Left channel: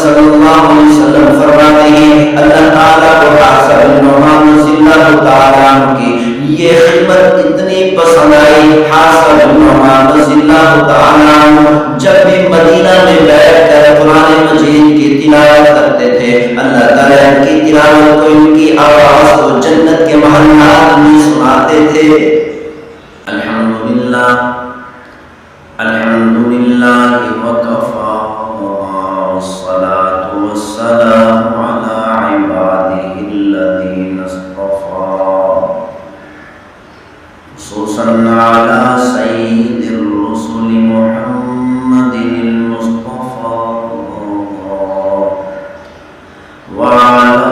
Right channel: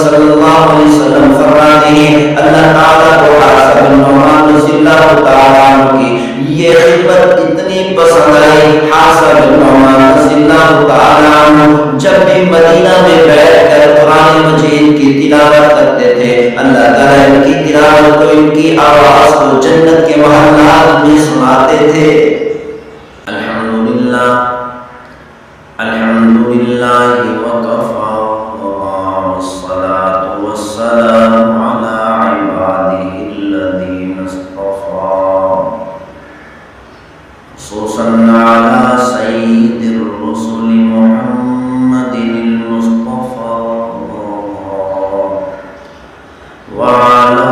صلی اللہ علیہ وسلم فرماتے ہیں اللہ تعالیٰ کو حارثہ بن نعمان رضی اللہ تعالیٰ عنہ کی یہ خدمت اتنی پسند آئی. حارثہ بن نعمان رضی اللہ تعالیٰ عنہ جب بھی مدینہ میں بیٹھ کر قرآن مجید کی تلاوت کرتے تھے اللہ تعالیٰ ان کی تلاوت کو ان کی آواز کو جنت کے محلات میں سناتے تھے. الحمدللہ الحمدللہ وکفا والصلاة والسلام علی عبادہ الذین اصطفیٰ خصوصاً علی سید الرسل محمد المصطفیٰ وعلی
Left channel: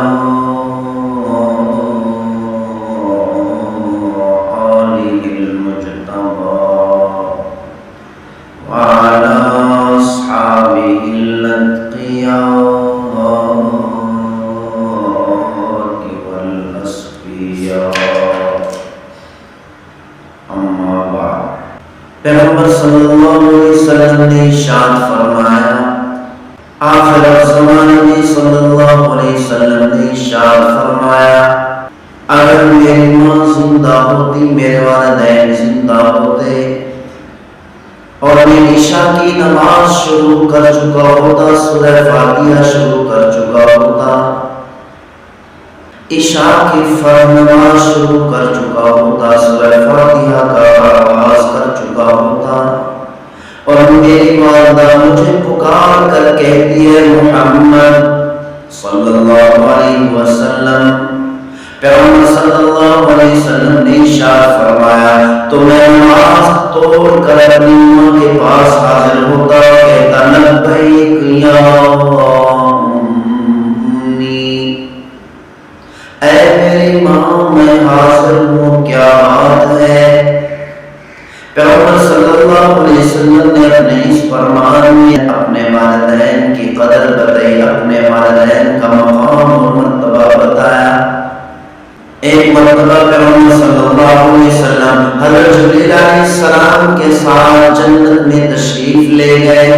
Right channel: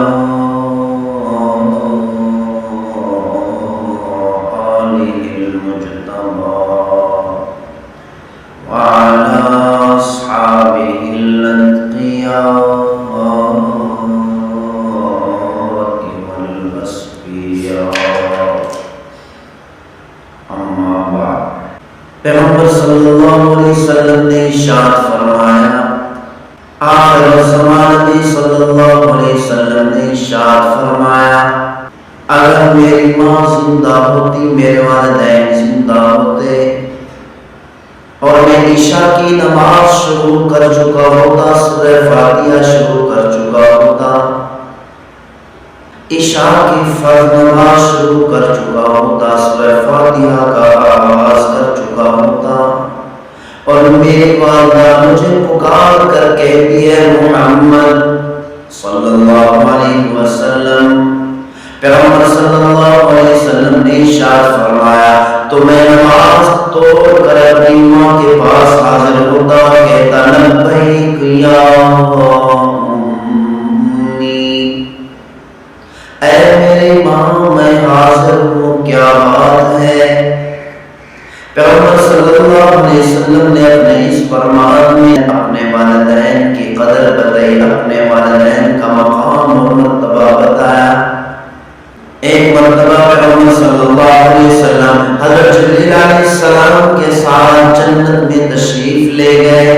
آلہ المجتبى وعلى أصحابه الأتقياء والأصفياء. أما بعد. پیغمبر صلی اللہ علیہ وسلم نے ارشاد فرمایا آخر الزمان میں صلی اللہ علیہ وسلم نے ارشاد فرمایا اگر میری ماں زندہ ہوتی میرے والدین زندہ ہوتے اور میں عشاء کی نماز شروع کر چکا ہوتا سورہ فاتحہ شروع کر چکا ہوتا عشاء کی فرض نماز شروع کر چکا ہوتا سورہ فاتحہ کا آغاز کر چکا ہوتا اور میری والدہ مجھے پکار کر کہتی ہے محمد صلی اللہ علیہ وسلم. پیغمبر صلی اللہ علیہ وسلم نے ارشاد فرمایا تو میں نماز توڑ کر اپنی ماں کے پاس حاضر ہوتا کہتا لبیک یا امی اے میری ماں میں حاضر ہوں کیا بات ہے. پیغمبر صلی اللہ علیہ وسلم نے اپنے اس فرمان میں اپنے والدین کی قدر بتائی اپنے والدین کا مقام اور مرتبہ بتایا. ایک مرتبہ پیغمبر صلی اللہ علیہ وسلم حضرت جبریل علیہ السلام کے ساتھ جنت میں تشریف لے گئے.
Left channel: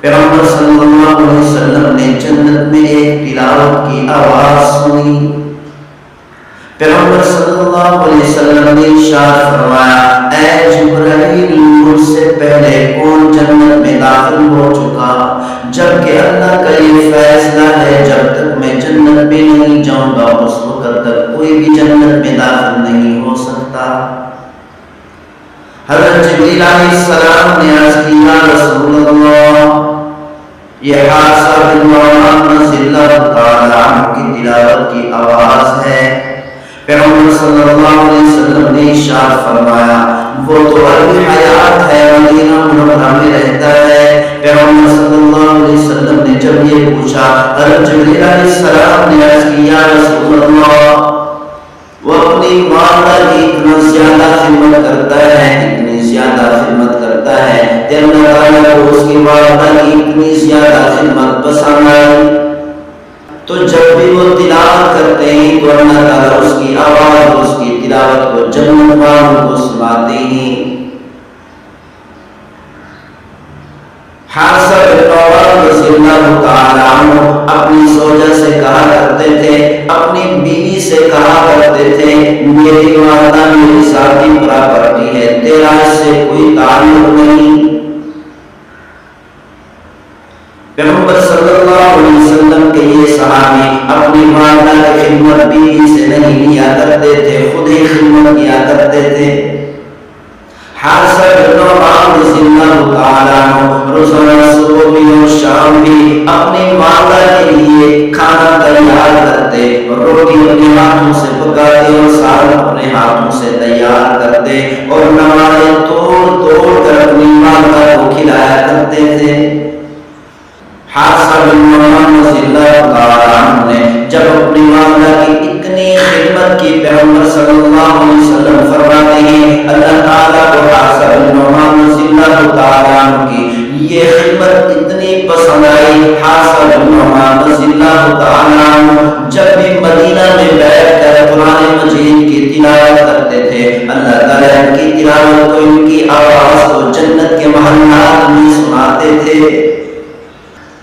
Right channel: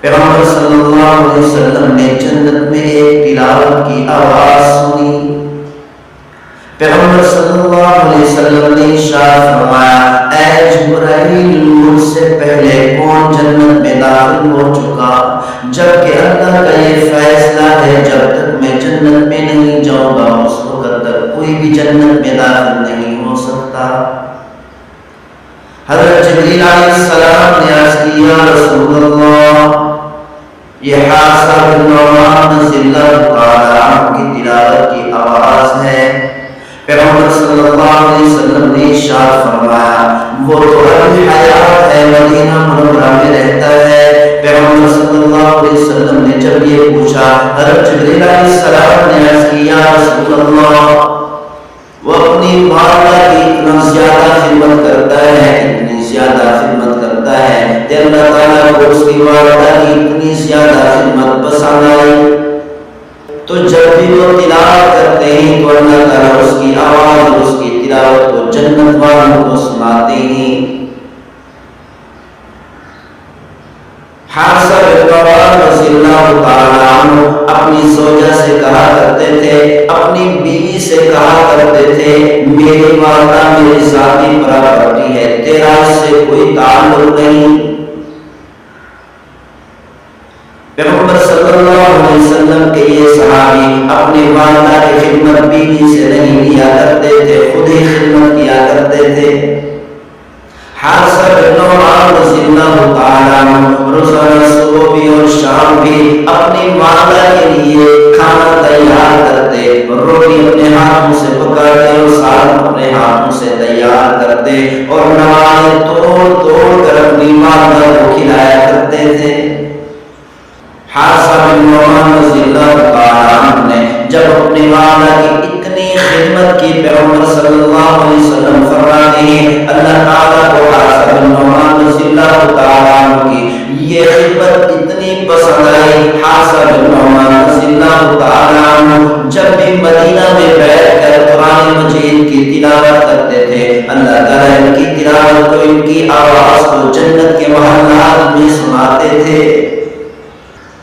پیغمبر صلی اللہ علیہ وسلم نے جنت میں ایک تلاوت کی آواز سنی. پیغمبر صلی اللہ علیہ وسلم نے ارشاد فرمایا اے جبرائیل مجھ سے پہلے کون جنت میں داخل ہو چکا جبکہ اللہ کا یہ فیصلہ ہے جب تک میں جنت میں نہیں جاؤں گا اس وقت تک کوئی بھی جنت میں داخل نہیں ہو سکتا. حضرت جبریل علیہ السلام نے عرض کی یا رسول اللہ یہ حارثہ بن نعمان رضی اللہ تعالی عنہ کی تلاوت کی آواز ہے. پیغمبر صلی اللہ علیہ وسلم نے ارشاد فرمایا وہ تو ابھی حیات ہے مدینہ منورہ میں رہتا ہے. پیغمبر صلی اللہ علیہ وسلم نے جب یہ پوچھا حضرت جبریل علیہ السلام نے عرض کی یا رسول اللہ وہ اپنی والدہ کی اتنا زیادہ خدمت کرتا ہے اتنی زیادہ خدمت کرتا ہے کہ اللہ تعالیٰ کو اس کی والدہ کی اتنی زیادہ خدمت پسند آئی تو جب بھی وہ تلاوت کرتے ہیں تو اللہ تعالیٰ اس کی آواز اور اس کی تلاوت کو جنت والوں کو سناتے ہیں. حارثہ بن نعمان رضی اللہ تعالی عنہ اپنی زوجہ سے کہا کرتے تھے اپنی بیوی سے کہا کرتے تھے میری والدہ میری ذاتی پراپرٹی ہے تیرا اس سے کوئی تعلق نہیں. پیغمبر صلی اللہ علیہ وسلم کے یہ صحابی اپنی والدہ کی خدمت بیوی سے نہیں لیا کرتے تھے خود ہی خدمت کیا کرتے تھے. حارثہ بن نعمان رضی اللہ تعالیٰ عنہ روزانہ صبح بھی اور شام بھی اپنی والدہ کے لیے کھانا تیار کرتے روٹی اپنے ہاتھوں سے پکاتے اور سالن اپنے ہاتھوں سے تیار کرتے اور نوائیں توڑ توڑ کر اپنی والدہ کو کھلایا کرتے تھے. حارثہ بن نعمان رضی اللہ تعالیٰ عنہ نے جب اپنی والدہ کی اتنی خدمت کی پیغمبر صلی اللہ علیہ وسلم فرماتے ہیں اللہ تعالیٰ کو حارثہ بن نعمان رضی اللہ تعالیٰ عنہ کی یہ خدمت اتنی پسند آئی. حارثہ بن نعمان رضی اللہ تعالیٰ عنہ جب بھی مدینہ میں بیٹھ کر قرآن مجید کی تلاوت کرتے تھے اللہ تعالیٰ ان کی تلاوت کو ان کی آواز کو جنت کے محلات میں سناتے تھے.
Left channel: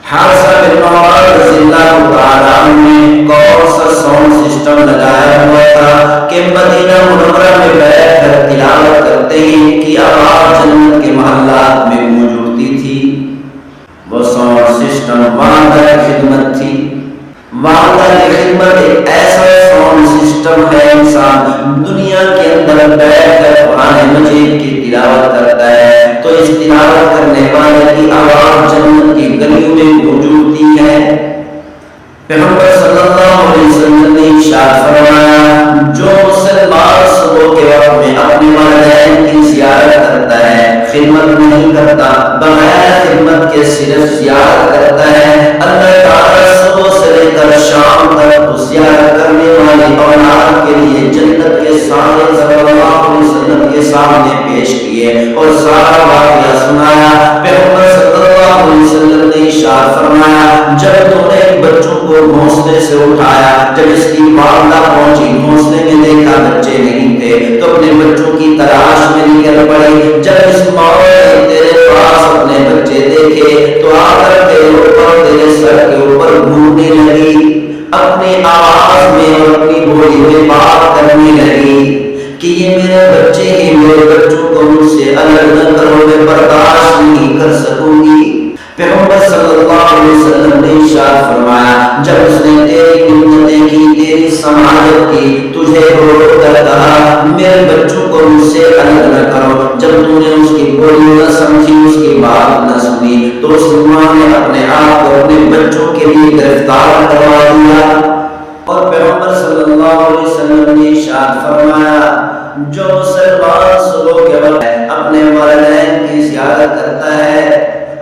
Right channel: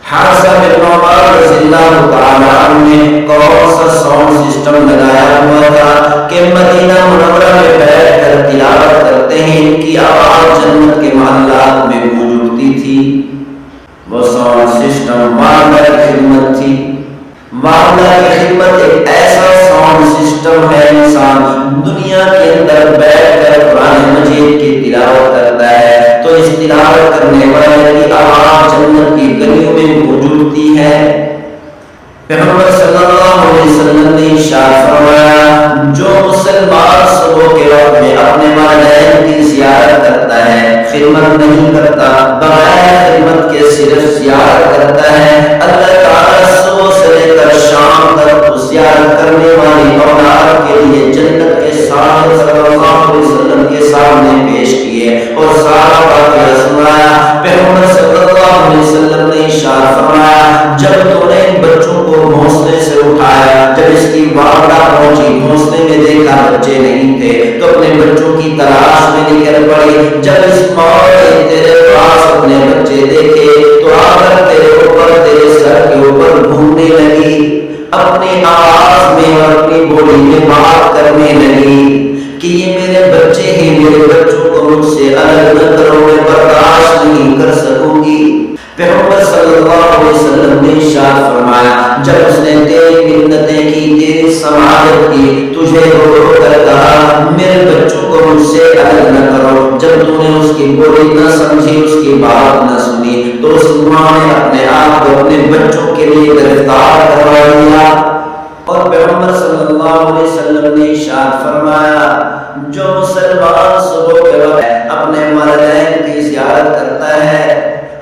حارثہ بن نعمان رضی اللہ تعالیٰ عنہ نے کون سا ساؤنڈ سسٹم لگایا ہوا تھا کہ مدینہ منورہ میں بیٹھ کر تلاوت کرتے ہیں ان کی آواز جنت کے محلات میں گونج اٹھتی تھی؟ وہ ساؤنڈ سسٹم والدہ کی خدمت تھی۔ والدہ کی خدمت ایک ایسا ساؤنڈ سسٹم ہے، انسان دنیا کے اندر بیٹھ کر قرآن مجید کی تلاوت کرتا ہے تو اس تلاوت کرنے والے کی آواز جنت کی گلیوں میں گونج اٹھتی ہے۔ پیغمبر صلی اللہ علیہ وسلم نے ارشاد فرمایا، جو مسلمان صبح کے وقت میں اپنے والدین کی زیارت کرتا ہے، خدمت نہیں کرتا، بغیر خدمت کے صرف زیارت کرتا ہے، اللہ تعالیٰ صبح سے لے کر شام تک اس زیارت کرنے والی اولاد کے لیے جنت کے سامنے صلی اللہ علیہ وسلم کے سامنے پیش کیے اور سارا واقعہ سنایا۔ پیغمبر صلی اللہ علیہ وسلم نے ارشاد فرمایا، جب تو نے ان بچوں کو گھونسلے سے اٹھایا، جب اس کی والدہ پہنچی، گھونسلے میں دیکھا بچے نہیں تھے تو اپنے بچوں کی تلاش میں نکل پڑی۔ جب اس ماں نے تیرے پاس اپنے بچے دیکھے تو آ کر تیرے اوپر، تیرے سر کے اوپر گھومنے لگی، اپنی آواز میں اور اپنی بولی میں بات کرنے لگی کہ یہ میرے بچے ہیں، میرے بچوں کو مجھ سے الگ نہ کرو، میں برداشت نہیں کر سکوں گی۔ پیغمبر صلی اللہ علیہ وسلم نے ارشاد فرمایا، جب اس نے تیری منتیں کی، تیری سماجت کی، تجھے رو رو کر کہا میرے بچوں کو مجھ سے الگ نہ کرو، جب تو نے اس کی بولی نہ سمجھی، اس کی بات نہ سنی، تو اس ماں نے اپنے آپ کو اپنے بچوں کے لیے گرفتار کروا دیا۔ اور پیغمبر صلی اللہ علیہ وسلم نے ارشاد فرمایا، جو مسلمان صبح کے وقت اپنے والدین کی زیارت کرتا ہے،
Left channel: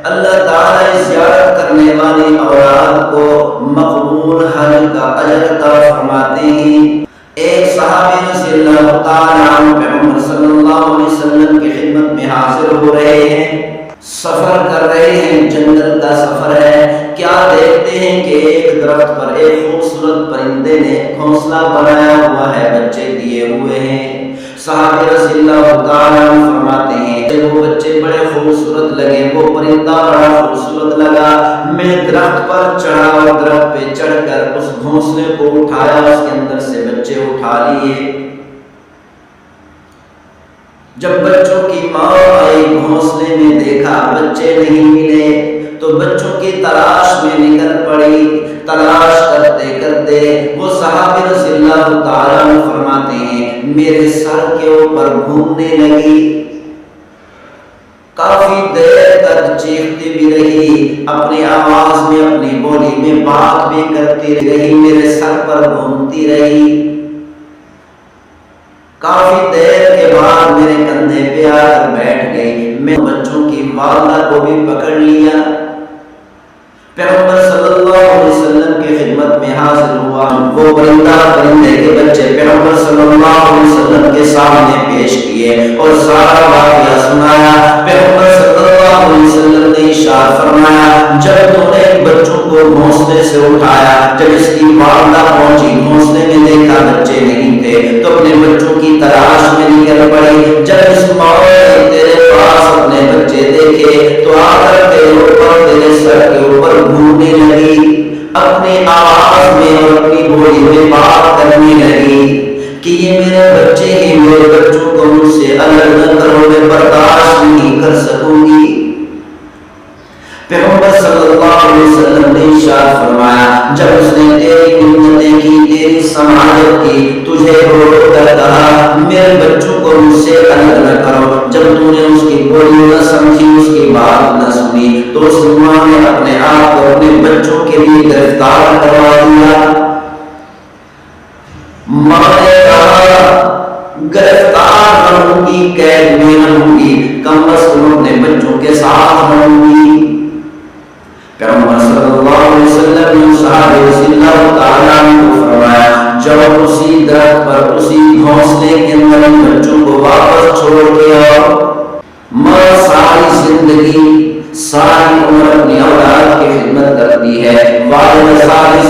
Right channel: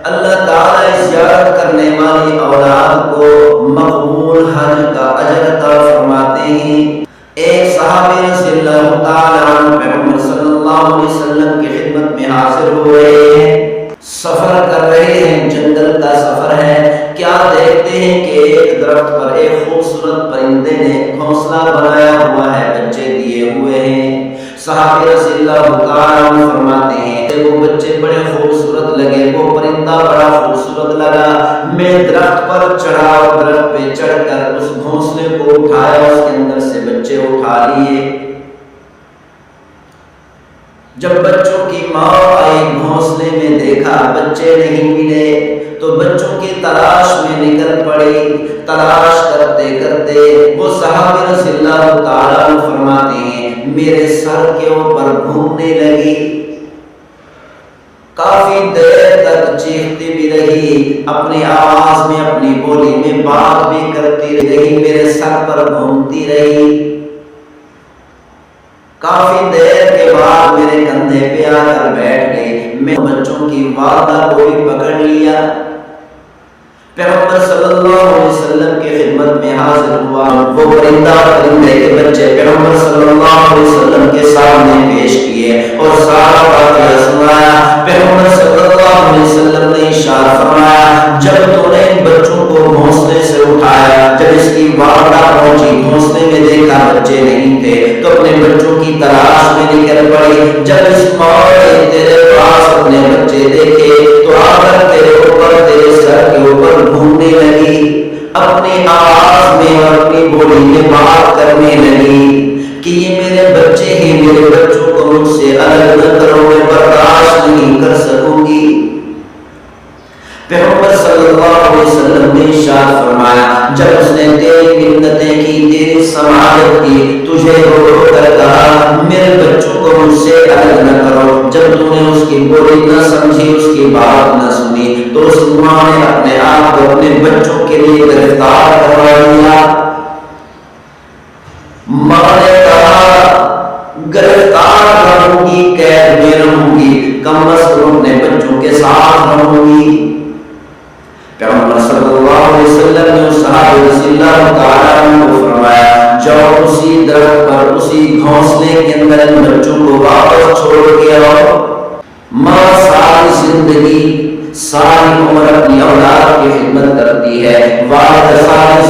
اللہ تعالیٰ اس زیارت کرنے والی اولاد کو مقبول حج کا اجر عطا فرماتے ہیں۔ ایک صحابی رضی اللہ تعالیٰ عنہ پیغمبر صلی اللہ علیہ وسلم کی خدمت میں حاضر ہو رہے ہیں، سفر کر رہے ہیں، جنگل کا سفر ہے، کیا دیکھتے ہیں کہ ایک درخت پر ایک خوبصورت پرندے نے گھونسلہ بنایا ہوا ہے، بچے دیے ہوئے ہیں۔ صحابی رضی اللہ تعالیٰ عنہ فرماتے ہیں کہ وہ بچے بڑے خوبصورت لگے، وہ پرندہ بڑا خوبصورت لگا، میں درخت پر چڑھا اور درخت پہ چڑھ کر اس گھونسلے کو اٹھایا، اس کے اندر سے بچے اٹھا لیے۔ جب بچوں کی ماں آئی، گھونسلے میں دیکھا بچے نہیں ملے تو بچوں کی تلاش میں نکل پڑی۔ تلاش کرتے کرتے وہ صحابی رضی اللہ تعالیٰ عنہ فرماتے ہیں میرے سر کے اوپر گھومنے لگی، کافی دیر تک چیختی بھی رہی، اپنی آواز میں اپنی بولی میں بات بھی کرتی رہی، میرے سر پر گھومتی رہی۔ کافی دیر کے بعد میرے کندھے پہ آ کر بیٹھ گئی، میں بچوں کی والدہ کو بھی پکڑ لیا۔ پیغمبر صلی اللہ علیہ وسلم کی خدمت میں حاضر ہوا، وہ پرندے کے بچے پیغمبر صلی اللہ علیہ وسلم کے سامنے پیش کیے اور سارا واقعہ سنایا۔ پیغمبر صلی اللہ علیہ وسلم نے ارشاد فرمایا، جب تو نے ان بچوں کو گھونسلے سے اٹھایا، جب اس کی والدہ پہنچی، گھونسلے میں دیکھا بچے نہیں تھے تو اپنے بچوں کی تلاش میں نکل پڑی۔ جب اس ماں نے تیرے پاس اپنے بچے دیکھے تو آ کر تیرے اوپر، تیرے سر کے اوپر گھومنے لگی، اپنی آواز میں اور اپنی بولی میں بات کرنے لگی کہ یہ میرے بچے ہیں، میرے بچوں کو مجھ سے الگ نہ کرو، میں برداشت نہیں کر سکوں گی۔ پیغمبر صلی اللہ علیہ وسلم نے ارشاد فرمایا، جب اس نے تیری منتیں کی، تیری سماجت کی، تجھے رو رو کر کہا میرے بچوں کو مجھ سے الگ نہ کرو، جب تو نے اس کی بولی نہ سمجھی، اس کی بات نہ سنی، تو اس ماں نے اپنے آپ کو اپنے بچوں کے لیے گرفتار کروا دیا۔ ماں نے کہا گرفتار رہوں گی، قید میں رہوں گی، کم از کم اپنے بچوں کے ساتھ رہوں گی۔ پیغمبر صلی اللہ علیہ وسلم نے صحابہ رضی اللہ تعالیٰ عنہ کو فرمایا، جب اسی درخت پر، اسی گھونسلے کے اندر ان بچوں کو واپس چھوڑ کے آؤ۔ ماں ساری زندگی، ساری عمر اپنی اولاد کی خدمت کرتی کرتی ہے. والد ساری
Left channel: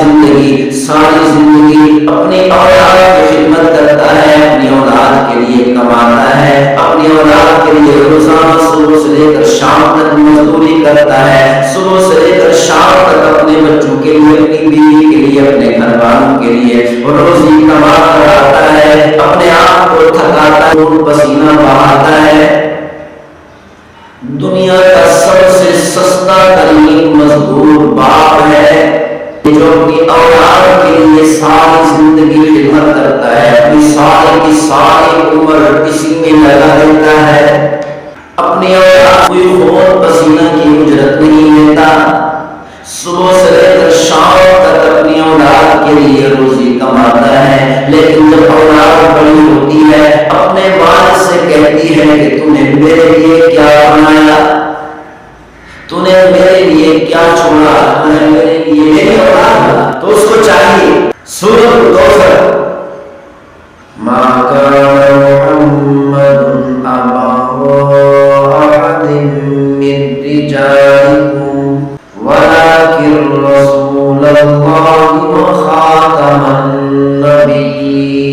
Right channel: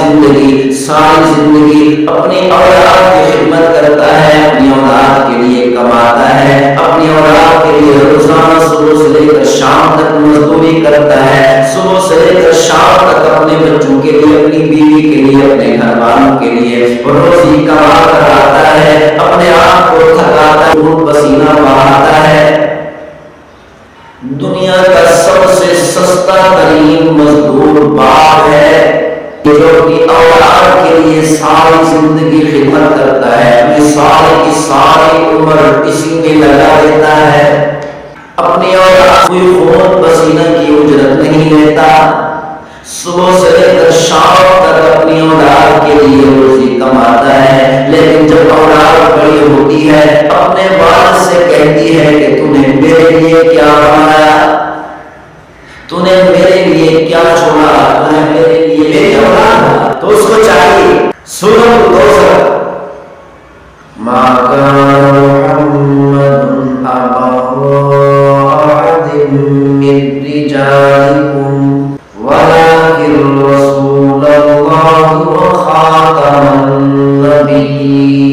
زندگی اپنی اولاد کی خدمت کرتا ہے، اپنی اولاد کے لیے کماتا ہے، اپنی اولاد کے لیے روزانہ صبح سے لے کر شام تک مزدوری کرتا ہے، صبح سے لے کر شام تک اپنے بچوں کے لیے، اپنی بیوی کے لیے، اپنے گھر والوں کے لیے روزی کما کر آتا ہے، اپنے آپ کو تھکاتا ہے، خون پسینہ بہاتا ہے. دنیا کا سب سے سستا ترین مزدور باپ ہے جو اپنی اولاد کے لیے ساری زندگی خدمت کرتا ہے، اپنی ساری کی ساری عمر اسی میں لگا دیتا ہے. اپنی اولاد کوئی خون پسینہ کی اجرت نہیں لیتا، صبح سے لے کر شام تک اپنی اولاد کے لیے روزی کماتا ہے. لیکن جب اولاد بڑی ہوتی ہے اپنے والد سے کہتی ہے کہ تو نے میرے لیے کیا بنایا، تو نے میرے لیے کیا چھوڑا، تو نے میرے لیے میری اولاد. تو اس کو چاہیے سورۃ الکوثر ما کان محمد ابا احد من رجالکم ولكن رسول اللہ وخاتم النبیین.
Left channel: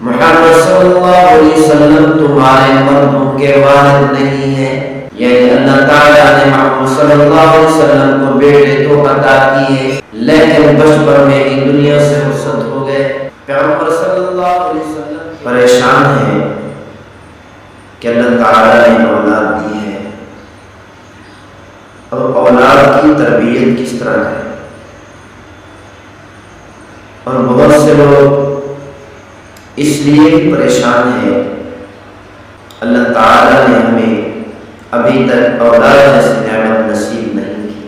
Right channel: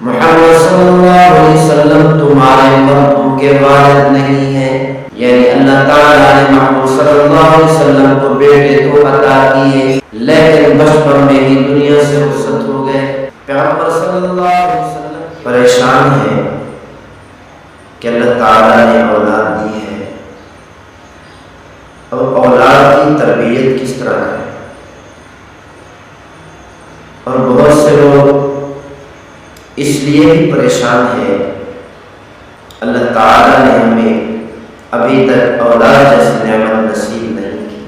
محمد صلی اللہ علیہ وسلم تمہارے مردوں کے والد نہیں ہیں، یعنی اللہ تعالیٰ نے محمد صلی اللہ علیہ وسلم کو بیٹے تو عطا کیے لیکن بچپن میں ہی دنیا سے رخصت ہو گئے. پیغمبر صلی اللہ علیہ وسلم پریشان ہیں کہ اللہ تعالیٰ نے اولاد دی ہے، اب اولاد کی تربیت کس طرح کریں. اور بہت سے لوگ اس لیے بھی پریشان ہیں اللہ تعالیٰ نے ہمیں ابھی تک اولاد جیسی نعمت نصیب نہیں کی.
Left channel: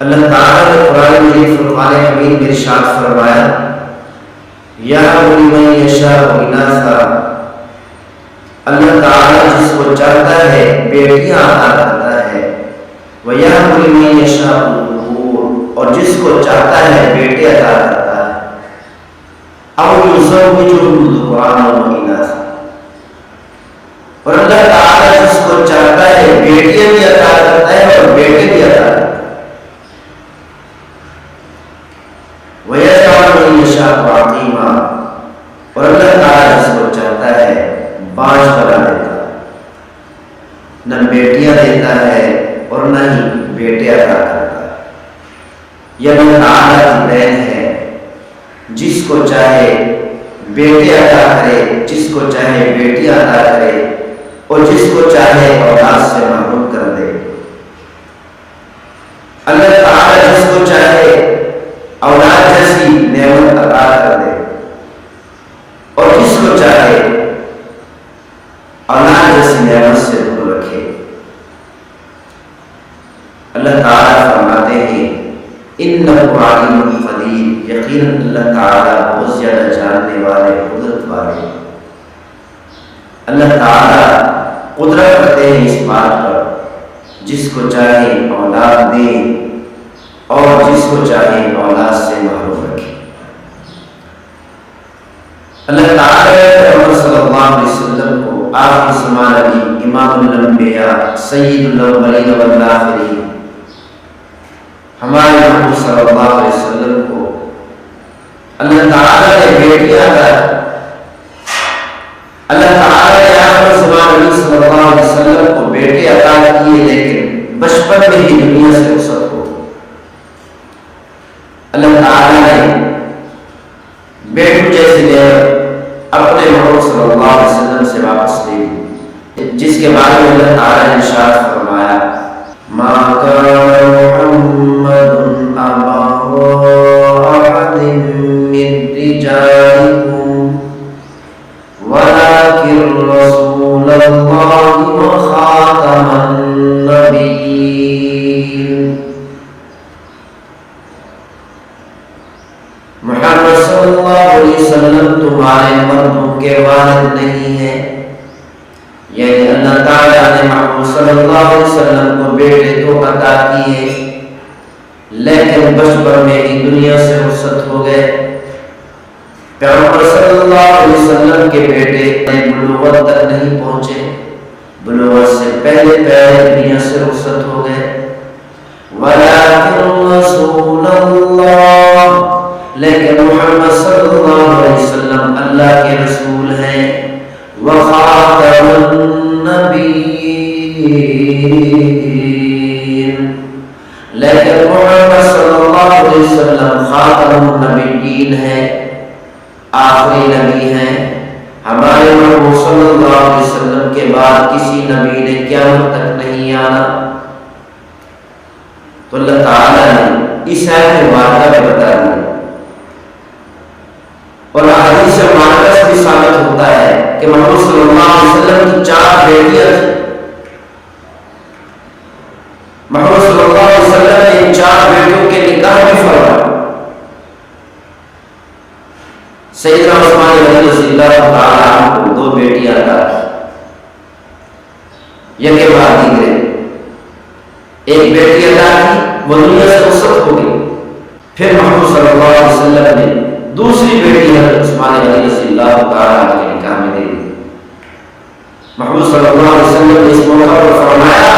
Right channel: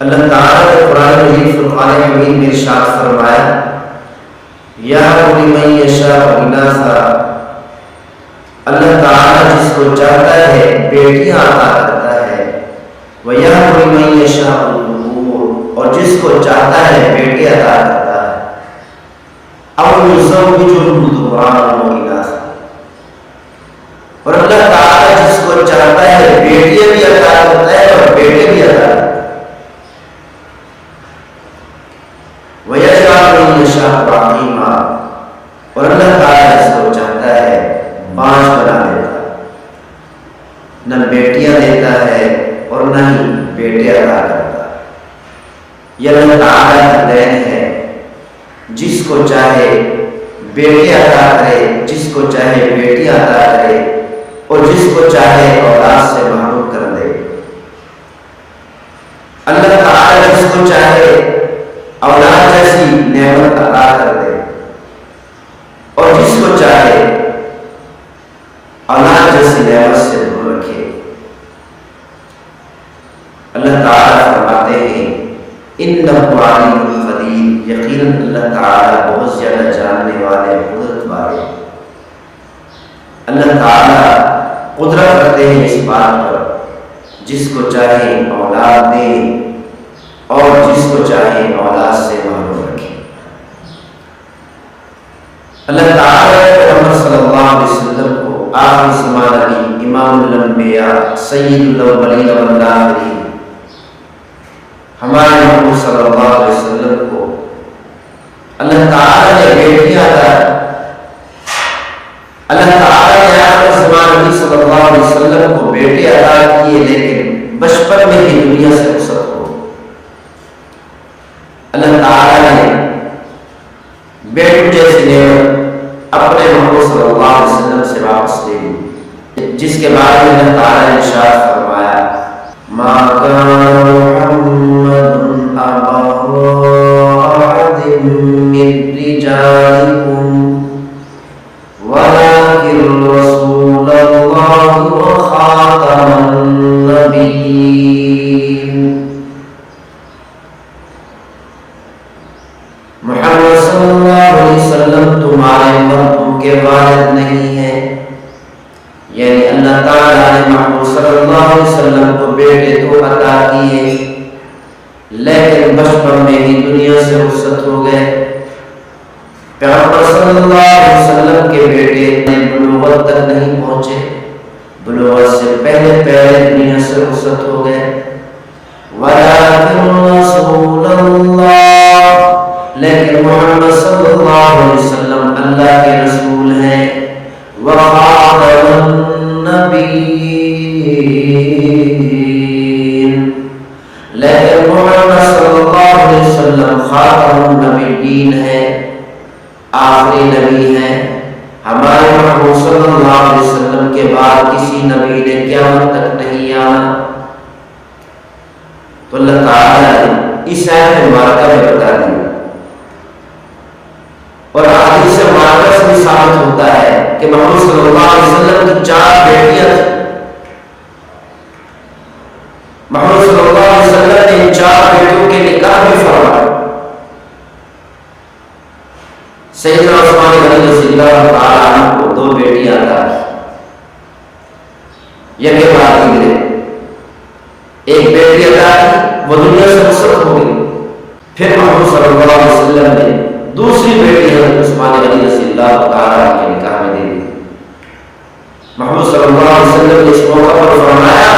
اللہ تعالیٰ نے قرآن مجید فرقان حمید میں ارشاد فرمایا یَهَبُ لِمَن یَشَاءُ إِنَاثًا. اللہ تعالیٰ جس کو چاہتا ہے بیٹیاں عطا کرتا ہے، وَيَهَبُ لِمَن يَشَاءُ الذُّكُورَ، اور جس کو چاہتا ہے بیٹے عطا کرتا ہے. أَوْ يُزَوِّجُهُمْ ذُكْرَانًا وَإِنَاثًا، اور اللہ تعالیٰ جس کو چاہتا ہے بیٹیاں بھی عطا کرتا ہے اور بیٹے بھی عطا کرتا ہے. وَيَجْعَلُ مَن يَشَاءُ عَقِيمًا، اور اللہ تعالیٰ جس کو چاہتا ہے بانجھ بنا دیتا ہے، نہ بیٹیاں دیتا ہے اور نہ ہی بیٹے عطا کرتا ہے. یہ اللہ تعالیٰ کی دین ہے، جس کو چاہے بیٹے عطا کرے، جس کو چاہے بیٹی عطا کرے اور جس کو چاہے اولاد سے محروم کر دے. اللہ تعالیٰ جس کو چاہے اولاد جیسی نعمت عطا کر دے اور جس کو چاہے اولاد جیسی نعمت سے دور رکھے. اللہ تعالیٰ فرماتے ہیں انہ علیم قدیر، یقیناً اللہ تعالیٰ بہت زیادہ جاننے والے، قدرت والے. اللہ تعالیٰ قدرت رکھتے ہیں اس بات پر جس کو چاہے اولاد دیں اور جس کو چاہے اولاد سے محروم رکھیں. اللہ تعالیٰ نے محمد صلی اللہ علیہ وسلم کو آخر زمان نبی، امام الانبیاء، سید الاولین والآخرین، ہمارے محبوب صلی اللہ علیہ وسلم کو اللہ تعالیٰ نے بیٹیاں عطا کی. اللہ تعالیٰ نے آخر زمان نبی صلی اللہ علیہ وسلم کو بیٹے عطا کیے لیکن بچپن میں ہی دنیا سے رخصت ہو. اللہ تعالیٰ نے بیٹوں جیسی نعمت اپنے محمد صلی اللہ علیہ وسلم سے واپس لے لی، جس کے بارے میں اللہ تعالیٰ نے ارشاد فرمایا ما کان محمد ابا احد من رجالکم ولكن رسول اللہ وخاتم النبیین. محمد صلی اللہ علیہ وسلم تمہارے مردوں کے والد نہیں ہیں، یعنی اللہ تعالیٰ نے محمد صلی اللہ علیہ وسلم کو بیٹے تو عطا کیے لیکن بچپن میں ہی دنیا سے رخصت ہو گئے. پیغمبر صلی اللہ علیہ وسلم کے بیٹے بلوغت تک نہیں پہنچے، بلوغت سے پہلے دنیا سے رخصت ہو گئے. اللہ علیہ وسلم اللہ کے رسول ہیں، وخاتم النبیین، لیکن محمد صلی اللہ علیہ وسلم خاتم النبیین ہیں، آخری نبی ہیں۔ ہمارے محبوب صلی اللہ علیہ وسلم کے بعد کسی نبی نے قیامت تک نہیں آنا۔ تو اللہ تعالیٰ نے اس آیت مبارکہ میں بتا دیا، اور حدیث مبارکہ سے بھی ثابت ہوتا ہے کہ محمد صلی اللہ علیہ وسلم کی 4 بیٹیاں تھیں۔ محمد صلی اللہ علیہ وسلم نے ان 4 بیٹیوں کے نکاح بھی فرمایا۔ سیدنا عثمان غنی رضی اللہ تعالیٰ عنہ کو 2 بیٹیاں عطا کی، یکے بعد دیگرے۔ ایک بیٹی عطا کی، وہ دنیا سے رخصت ہو گئی۔ پھر محمد صلی اللہ علیہ وسلم نے دوسری بیٹی حضرت عثمان غنی رضی اللہ تعالیٰ عنہ کے نکاح میں دے دی۔ محمد صلی اللہ علیہ وسلم نے اس موقع پر فرمایا،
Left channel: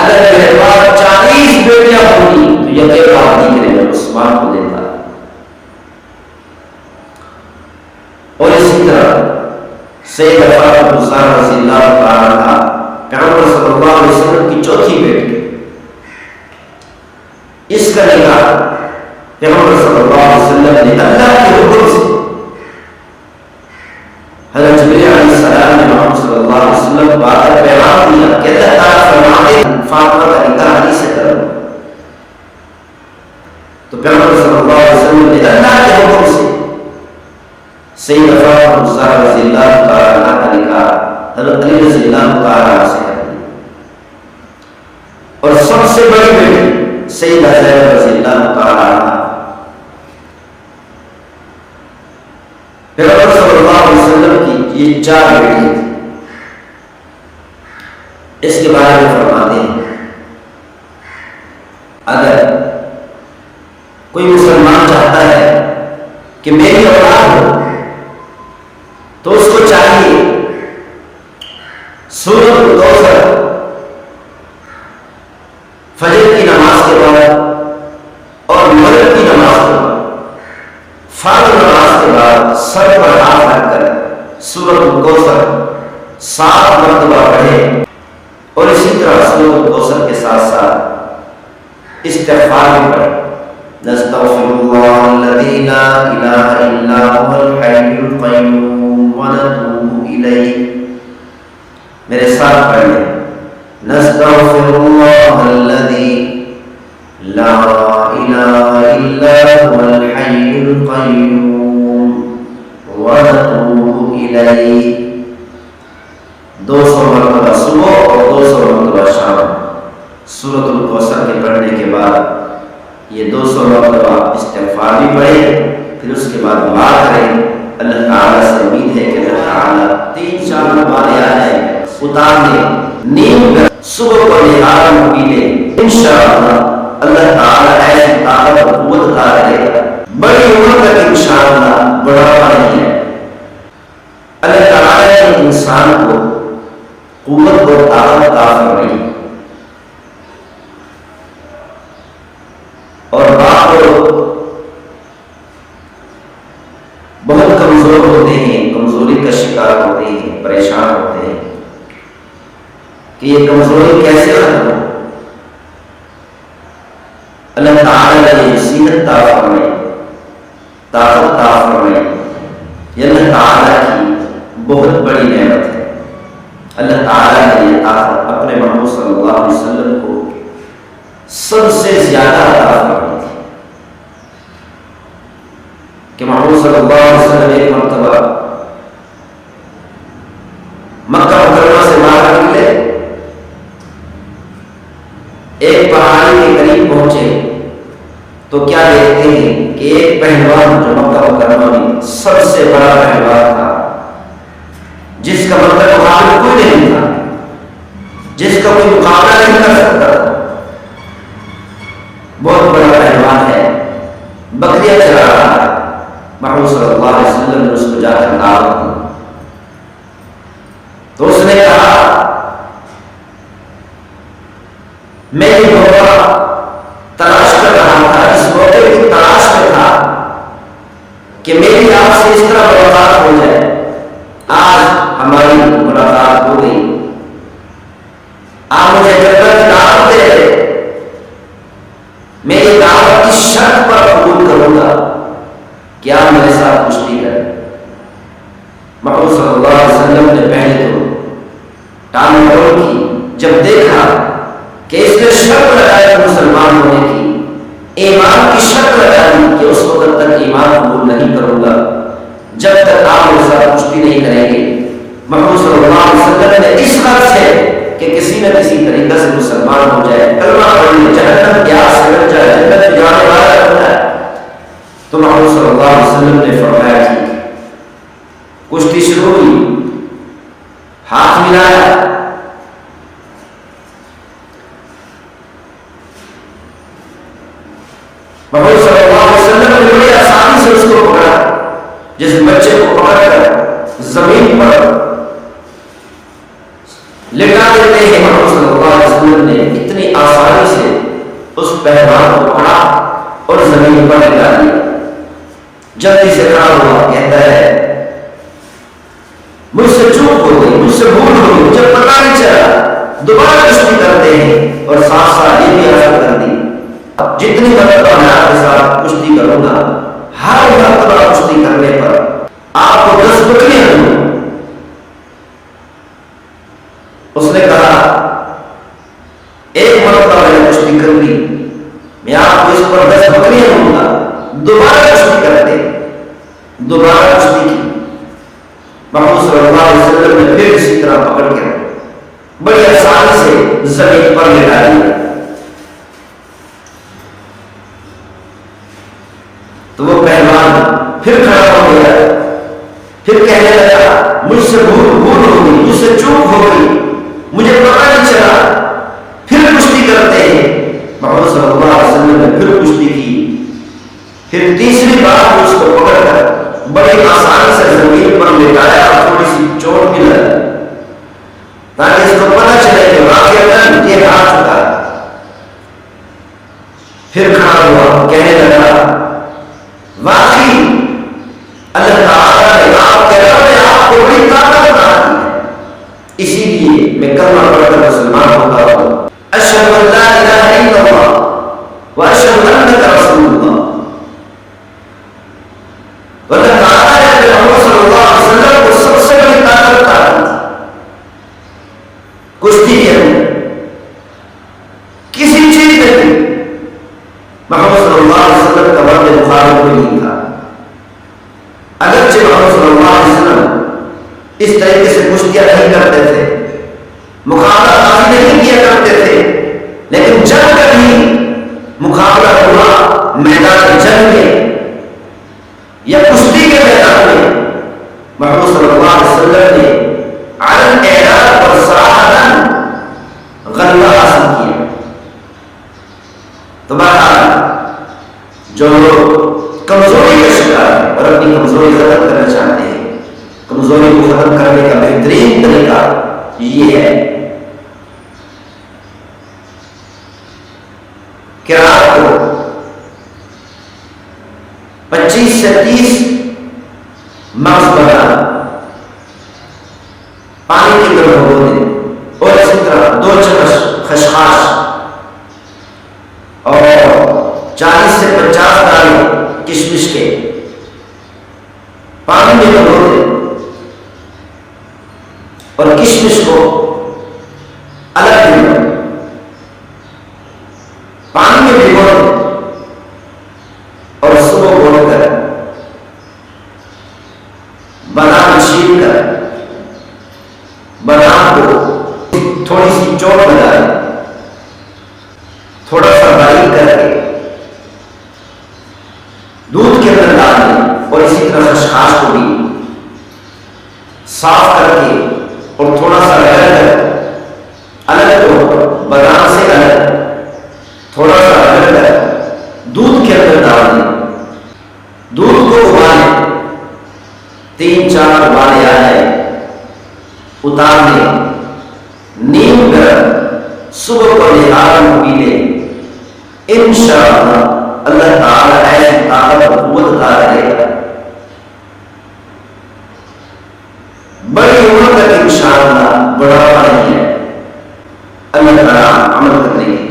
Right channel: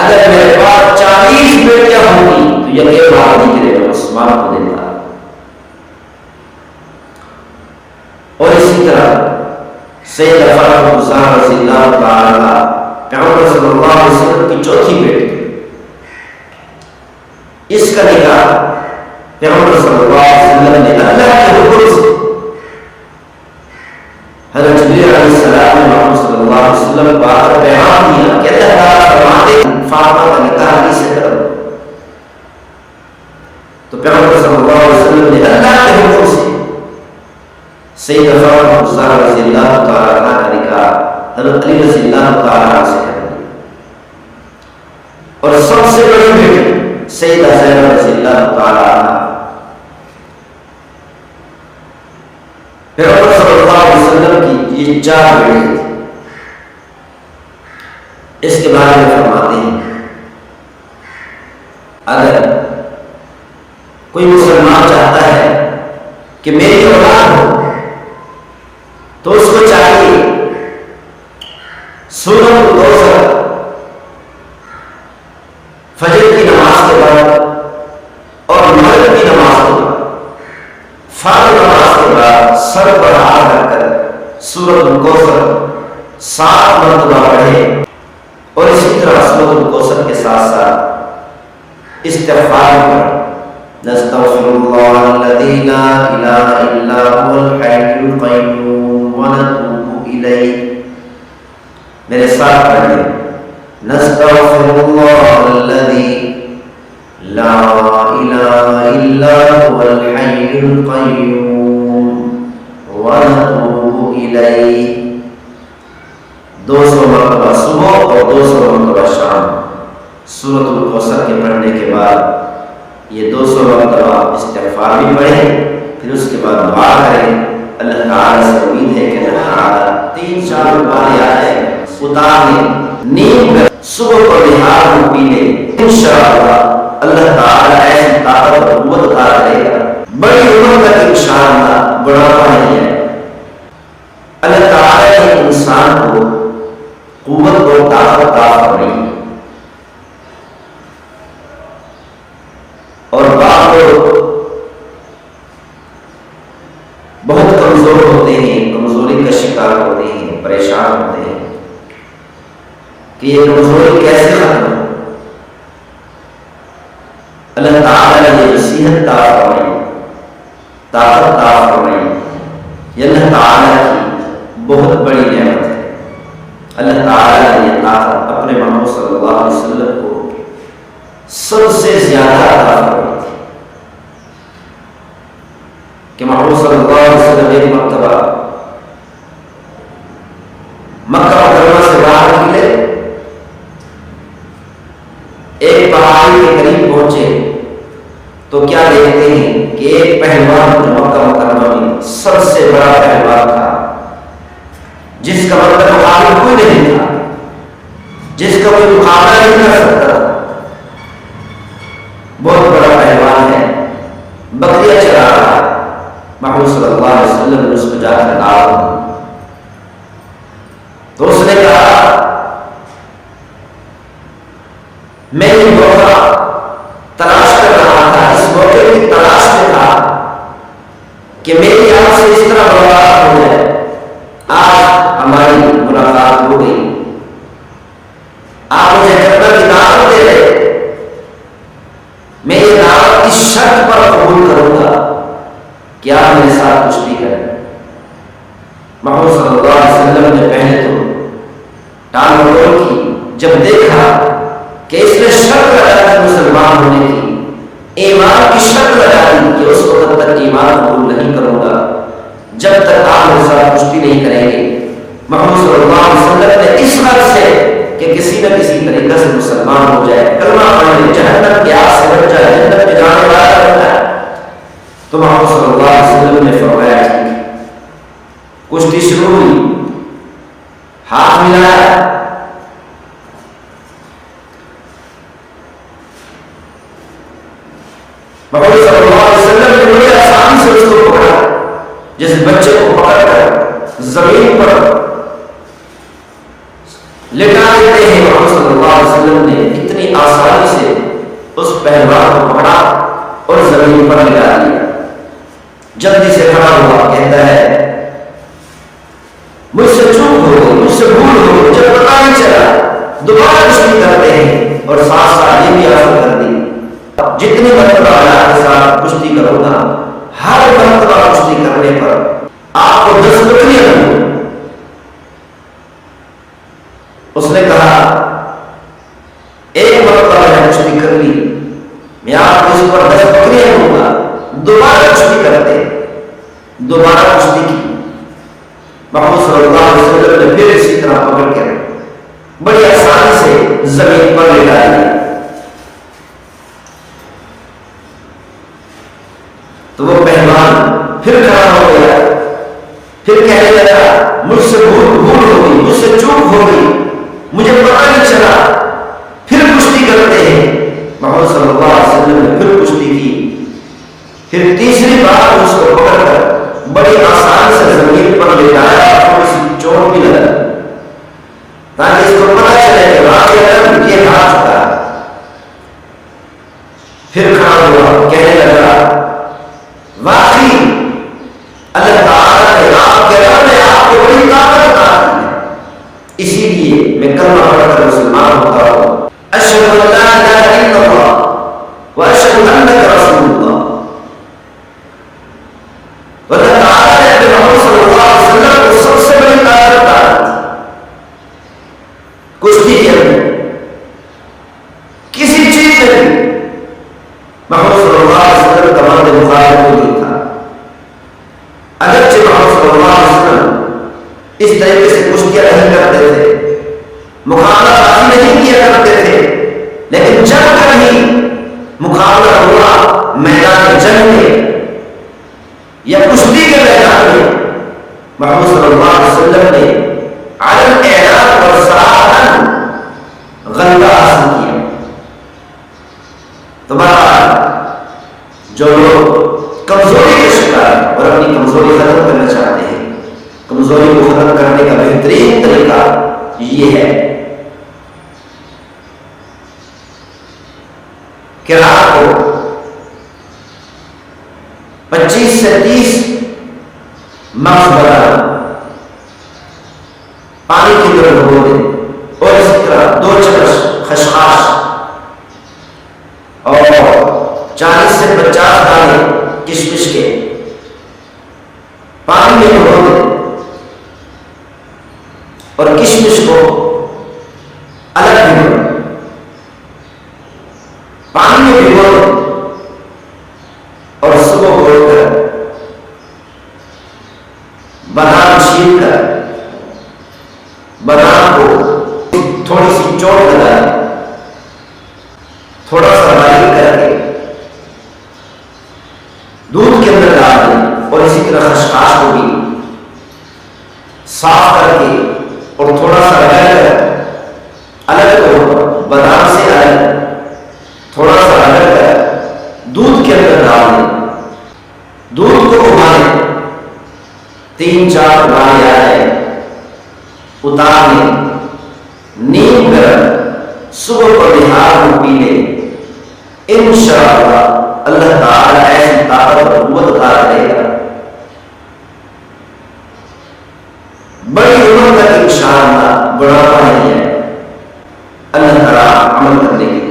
اگر میرے پاس 40 بیٹیاں ہوتی تو یکے بعد دیگرے میں عثمان کو دیتا۔ اور اسی طرح سیدہ فاطمہ الزہرا رضی اللہ تعالیٰ عنہا پیغمبر صلی اللہ علیہ وسلم کی 4تھی بیٹی، اس کا نکاح پیغمبر صلی اللہ علیہ وسلم نے اللہ کے حکم سے، حضرت جبریل علیہ السلام نے محمد صلی اللہ علیہ وسلم کو آ کر پیغام دیا کہ اللہ تعالیٰ فرماتے ہیں فاطمہ کا نکاح علی سے کرو۔ تو پیغمبر صلی اللہ علیہ وسلم نے اللہ کے حکم سے سیدہ فاطمہ الزہرا رضی اللہ تعالیٰ عنہ کا نکاح حضرت علی رضی اللہ تعالیٰ عنہ سے کر دیا، اور سب سے بڑی بیٹی سیدہ زینب رضی اللہ تعالیٰ عنہ پیغمبر صلی اللہ علیہ وسلم کی یہ 4 بیٹیاں تھیں۔ اس کے بارے میں فرماتے ہیں، اگر کوئی مسلمان چاہتا ہے کہ میری اولاد ہو تو اس کو چاہیے سورۃ الکوثر فجر کی نماز کے بعد اور مغرب کی نماز کے بعد، فرض نماز کے بعد سر پر ہاتھ رکھ کر سورۃ الکوثر 7 مرتبہ پڑھے، اور اسی طرح سورۃ الکوثر کے ساتھ ساتھ استغفار بھی پڑھے۔ نستغفر اللہ الذی لا الہ الا هو الحی القیوم ونتوب الیہ۔ میرے ساتھ پڑھ لیں، نستغفر اللہ الذی لا الہ الا هو الحی القیوم ونتوب الیہ۔ 200 مرتبہ صبح اور 200 مرتبہ شام سورۃ الکوثر کے پڑھنے کے بعد یہ 200 مرتبہ استغفار بھی پڑھیں، پھر اس کے بعد دعا کریں۔ اللہ تعالیٰ سے امید ہے کہ اللہ تعالیٰ 3-4 بار آ جائے اتارنے، نیند میں صبح کو نہار میں پی لیں، انشاءاللہ اللہ تعالیٰ ایسی طاقت اور قوت عطا کرے گا، بڑی عمر تک انشاءاللہ بڑھاپا نہیں ہے۔ اللہ تعالیٰ نے انسان کو قوت اور طاقت عطا فرمائی، اور بعض لوگ بہت کمزور ہوتے ہیں، کمزوری کا شکار ہوتے ہیں، پریشان ہوتے ہیں کہ یہ کمزوری کیسے ختم ہو۔ اللہ تعالیٰ نے یہ نصیحت عطا فرمائی، طاقت عطا فرمائی، یہ اللہ تعالیٰ کی بہت بڑی نعمت ہے۔ اللہ تعالیٰ نے یہ طاقت اپنے محبوب صلی اللہ علیہ وسلم کو سب سے زیادہ عطا فرمائی تھی کہ محبوب صلی اللہ علیہ وسلم ایک مرتبہ مکہ مکرمہ سے باہر نکلے، ایک پہاڑی کے قریب پہنچے تو کیا دیکھتے ہیں کہ ایک پہلوان جو مکہ مکرمہ میں سب سے بڑا پہلوان تھا، جس کا مطلب مقابل کوئی نہیں تھا، جس کا کوئی مقابلہ نہیں کر سکتا تھا، بہت بڑا پہلوان ہے، بکریاں چرا رہا ہے۔ محمد صلی اللہ علیہ وسلم نے اس کو جا کر دعوت دی تو اس نے کہا میں یہ موقع تلاش کر رہا تھا، اس موقع کی تلاش میں تھا کہ میری آپ سے اس طرح ملاقات ہو جائے. آج ہماری ملاقات ہو گئی. آپ مجھے جنت کی دعوت دے رہے، میں یہ دعوت اس شرط پر قبول کروں گا کہ آپ میرے ساتھ کشتی کریں. محمد صلی اللہ علیہ وسلم نے پہلے تو ٹال مٹول کی. جب دیکھا کہ اس نے شرط لگائی مسلمان ہونے کی، ایمان کی شرط لگا دی کہ اس وقت تک ایمان قبول نہیں کروں گا جب تک آپ میرے ساتھ کشتی نہیں کریں گے. محمد صلی اللہ علیہ وسلم نے اس غرض سے کہ کسی نہ کسی طریقے سے مسلمان ہو جائے، کلمہ پڑھ لے، جہنم کی آگ سے بچ جائے، جنت میں جانے والا بن جائے، تو محمد صلی اللہ علیہ وسلم نے فرمایا ٹھیک. کشتی شروع ہوئی، ہاتھ ملایا، محمد صلی اللہ علیہ وسلم نے بڑی آسانی سے اس کو پکڑا، جیسے بچے کو پکڑ کر زمین پر لٹا دیتے ہیں. محمد صلی اللہ علیہ وسلم نے اتنی آسانی سے اس پہلوان کو پکڑا اور زمین پر لٹا دیا. جلدی سے کھڑا ہوا، کہتا ہے مجھ سے چوک ہو گئی، مجھ سے بھول ہو گئی، مجھے پتہ نہیں چلا. دوبارہ کشتی کرتے ہیں اور ساتھ ساتھ یہ بھی آفر کر دی جتنی مرتبہ میں آپ کے ساتھ کشتی کروں گا، ہر مرتبہ کشتی کرنے پر آپ کو 10 بکریاں دوں گا. اس نے کہا ایک مرتبہ میں نے کشتی کر لی، میں آپ کو اس پر 10 بکریاں دوں گا. دوبارہ کشتی کرتے، دوبارہ کشتی کی. محمد صلی اللہ علیہ وسلم نے پھر اسی طرح پکڑ کے بڑی آسانی سے زمین پر لٹا دیا. تو وہ پہلوان پھر کھڑا ہو گیا، پھر کہنے لگا مجھ سے بھول ہو گئی، مجھ سے چوک ہو گئی، مجھے پتہ نہیں چلا. پھر کشتی کرتے ہیں. محمد صلی اللہ علیہ وسلم نے پھر کشتی کی. پھر تیسری بار اس کو پکڑ کر بڑی آسانی سے زمین پر لٹایا، تھوڑی سی چوٹ بھی لگا تاکہ اس کو پتہ چلے کہ واقعی یہ ہار چکا ہے. پھر کھڑا ہوا، کہنے لگا واقعی اللہ تعالیٰ نے آپ کے رب نے آپ کو بڑی طاقت عطا کی ہے، اسی لیے میں کلمہ پڑھ کر مسلمان ہوتا ہوں. اشہد ان لا الہ الا اللہ واشہد انک رسول اللہ. تو اللہ تعالیٰ نے اپنے محمد صلی اللہ علیہ وسلم کو سب سے بڑی طاقت عطا کی تھی کشتی کے اندر. کسی چیز میں بھی محمد صلی اللہ علیہ وسلم کا مرد مخالف کوئی نہیں تھا. اگرچہ محمد صلی اللہ علیہ وسلم اس طریقے سے کشتیاں نہیں کرتے تھے، مقابلہ بازی نہیں کیا کرتے تھے، لیکن جب کبھی مقابلہ ہوا میدان جنگ میں یا کشتی کے میدان میں، محمد صلی اللہ علیہ وسلم نے علن اعلان پر صراحتاً غلبہ حاصل کیا. تو بہرحال جو لوگ کمزوری کا شکار ہیں اور اپنی کمزوری ختم کرنا چاہتے ہیں، کمزوری کو ختم کرنے کا بہترین طریقہ یہ ہے کہ رات کو 25 سے 30 مغز بنانا پانی کے اندر بھگو دیں، اور اسی طرح 2 چمچ خشخاش اور 40 سے 50 دانے کشمش کے پانی میں بھگو دیں، اور کشمش کو الگ بھگو دیں، پانی میں بھگو دیں، اور صبح اٹھ کر بادام چھیل کر بادام کو تھوڑی سی چوٹ لگا دیں، تھوڑا سا باریک کر کے دودھ کے اندر ڈال دیں، اور اسی طرح خشخاش کو بھی صاف کر کے اور تھوڑا سا رگڑ کر الگ طور پر بادام سے الگ تھوڑا سا رگڑ کر دودھ کے اندر ڈال دیں. دودھ کو ابالیں، 3-4 ابالے آ جائے، اتار لیں، نیم گرم صبح کو نہار میں پی لیں. انشاءاللہ اللہ تعالیٰ ایسی طاقت اور قوت عطا کرے گا بڑی عمر تک انشاءاللہ بڑھاپا نہیں ہے، اللہ تعالیٰ عمل کرنے کی